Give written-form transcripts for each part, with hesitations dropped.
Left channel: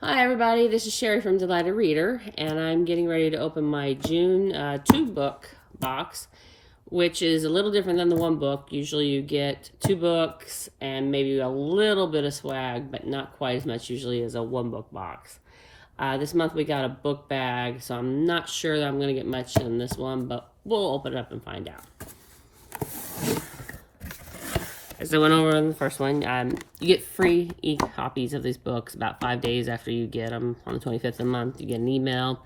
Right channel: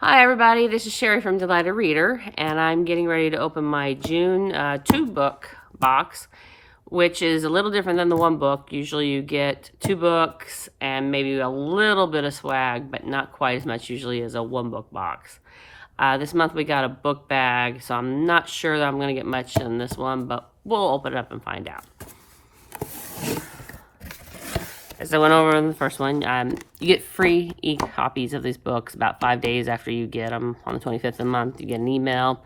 Hi everybody, this is Sherry from Delighted Reader, and I'm getting ready to open my June 2-book box, which is a little different than the one book. Usually you get 2 books and maybe a little bit of swag, but not quite as much usually as a 1-book box. This month we got a book bag, so I'm not sure that I'm going to get much in this one, but we'll open it up and find out. As I went over in the first one, you get free e-copies of these books about 5 days after you get them. On the 25th of the month, you get an email.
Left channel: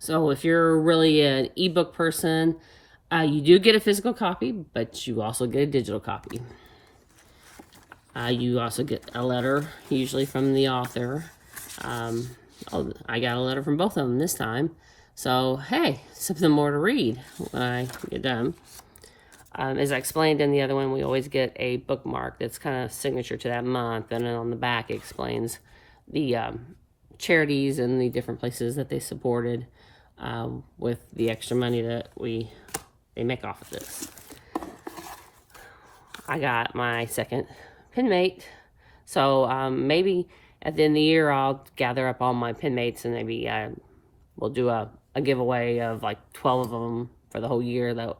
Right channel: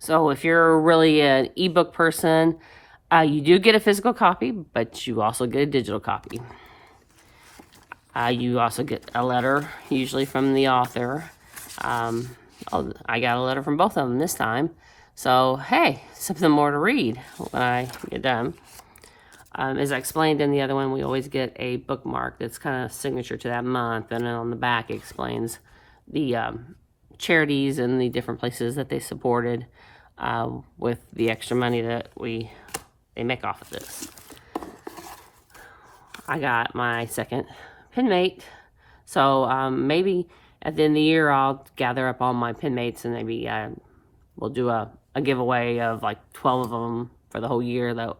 So if you're really an e-book person, you do get a physical copy, but you also get a digital copy. You also get a letter, usually from the author. I got a letter from both of them this time. So, hey, something more to read when I get done. As I explained in the other one, we always get a bookmark that's kind of signature to that month, and then on the back it explains the charities and the different places that they supported with the extra money that they make off of this. I got my second pen mate, so maybe at the end of the year I'll gather up all my pen mates and maybe we'll do a giveaway of like 12 of them for the whole year. That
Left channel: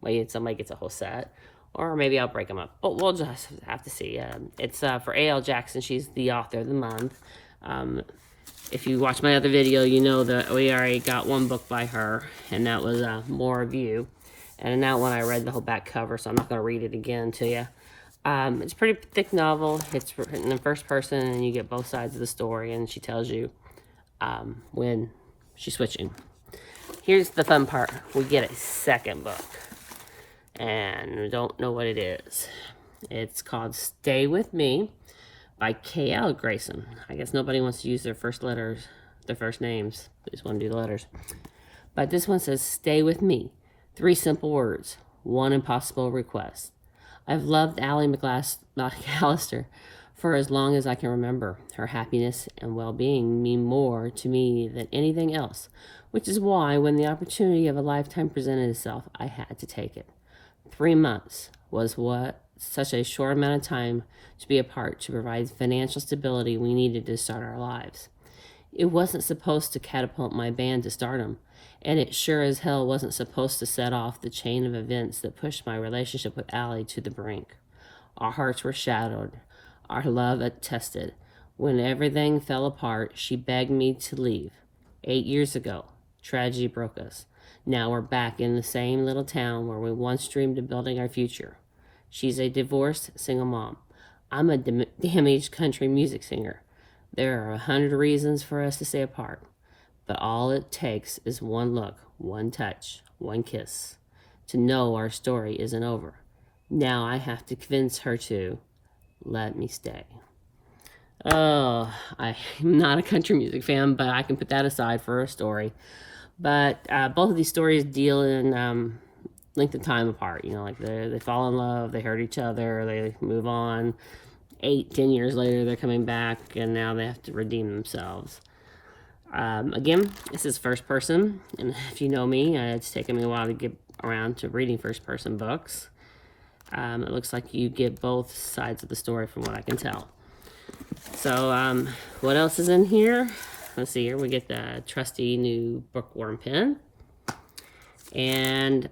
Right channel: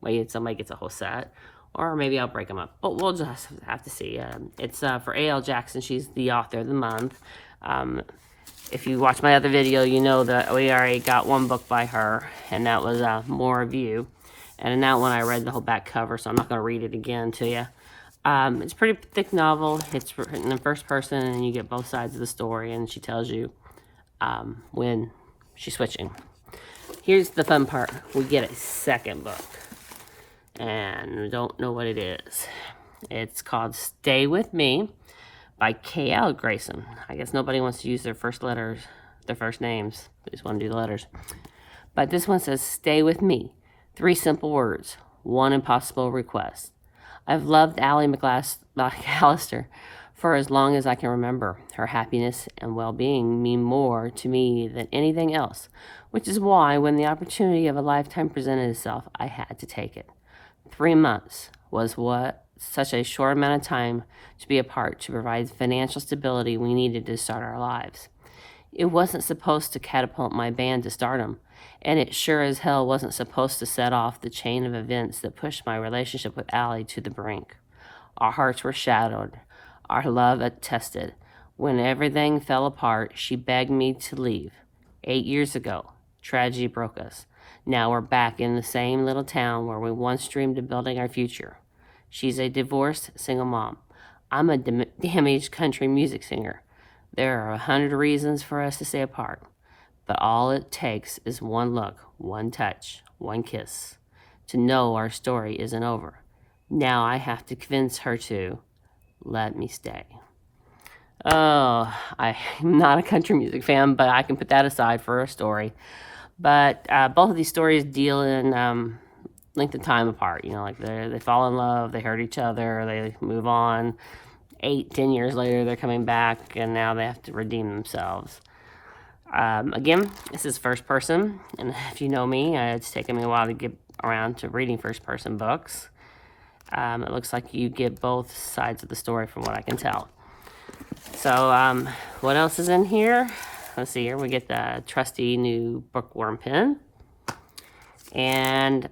way somebody gets a whole set, or maybe I'll break them up, but we'll just have to see. It's for A.L. Jackson. She's the author of the month. If you watch my other video, you know that we already got one book by her, and that was More Review. And in that one, I read the whole back cover, so I'm not going to read it again to you. It's a pretty thick novel. It's written in first person, and you get both sides of the story, and she tells you when she's switching. Here's the fun part. We get a second book, and we don't know what it is. It's called Stay With Me by K.L. Grayson. I guess nobody wants to use their first letters, their first names. They just want to do the letters. But this one says, Stay with me. 3 simple words. 1 impossible request. I've loved Allie McAllister for as long as I can remember. Her happiness and well-being mean more to me than anything else, which is why when the opportunity of a lifetime presented itself, I had to take it. 3 months was what such a short amount of time to be apart to provide financial stability we needed to start our lives. It wasn't supposed to catapult my band to stardom, and it sure as hell wasn't supposed to set off the chain of events that pushed my relationship with Allie to the brink. Our hearts were shattered, our love attested. When everything fell apart, she begged me to leave. 8 years ago, tragedy broke us. Now we're back in the same little town where we once dreamed of building our future. She's a divorced single mom. I'm a damaged country music singer. There are 100 reasons for us to stay apart, but all it takes is one look, one touch, one kiss to know our story isn't over. Now I have to convince her to let me stay. Oh, I'm not a country music fan, but I can put that aside for a story. But both of these stories deal in length of time apart. You know, like they fall in love, they hurt each other, they move on. 8-10 years later, they're coming back, and now they have to redeem themselves. Again, this is first person, and if you know me, it's taken me a while to get around to reading first person books. It looks like you get both sides of the story from what I can tell. So, what else is in here? Let's see here. We get the trusty new Bookworm pen. And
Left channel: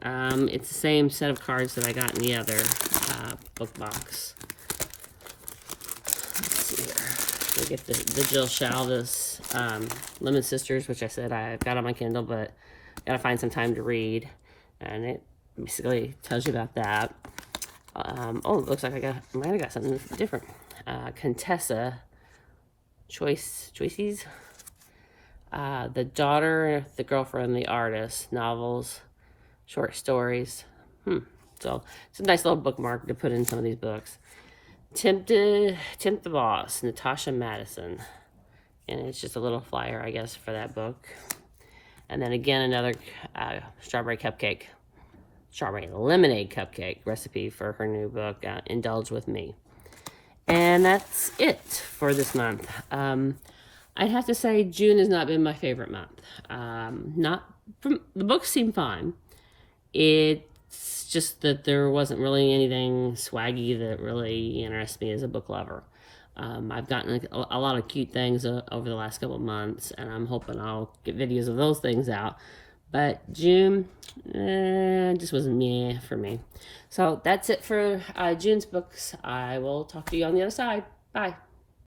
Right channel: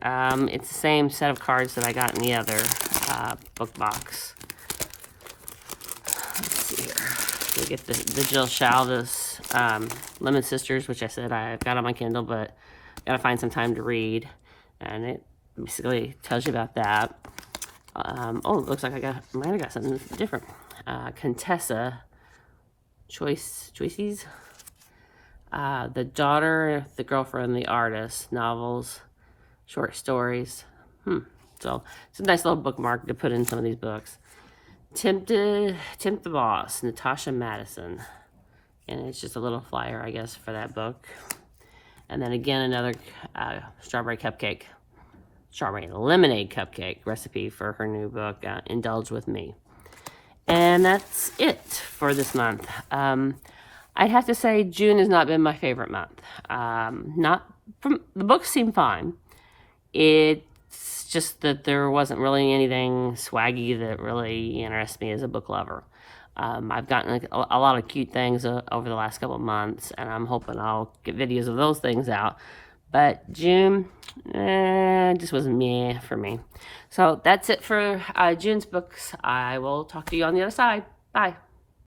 it's the same set of cards that I got in the other book box. Let's see here. We get the Jill Shalvis Lemon Sisters, which I said I got on my Kindle, but gotta find some time to read. And it basically tells you about that. Oh, it looks like I might have got something different. Contessa Choices. The Daughter, the Girlfriend, the Artist, novels, short stories. So it's a nice little bookmark to put in some of these books. Tempt the Boss, Natasha Madison. And it's just a little flyer, I guess, for that book. And then again, another strawberry lemonade cupcake recipe for her new book, Indulge With Me. And that's it for this month. I'd have to say June has not been my favorite month. The books seem fine. It's just that there wasn't really anything swaggy that really interests me as a book lover. I've gotten a lot of cute things over the last couple of months, and I'm hoping I'll get videos of those things out. But June, just was meh for me. So that's it for June's books. I will talk to you on the other side. Bye.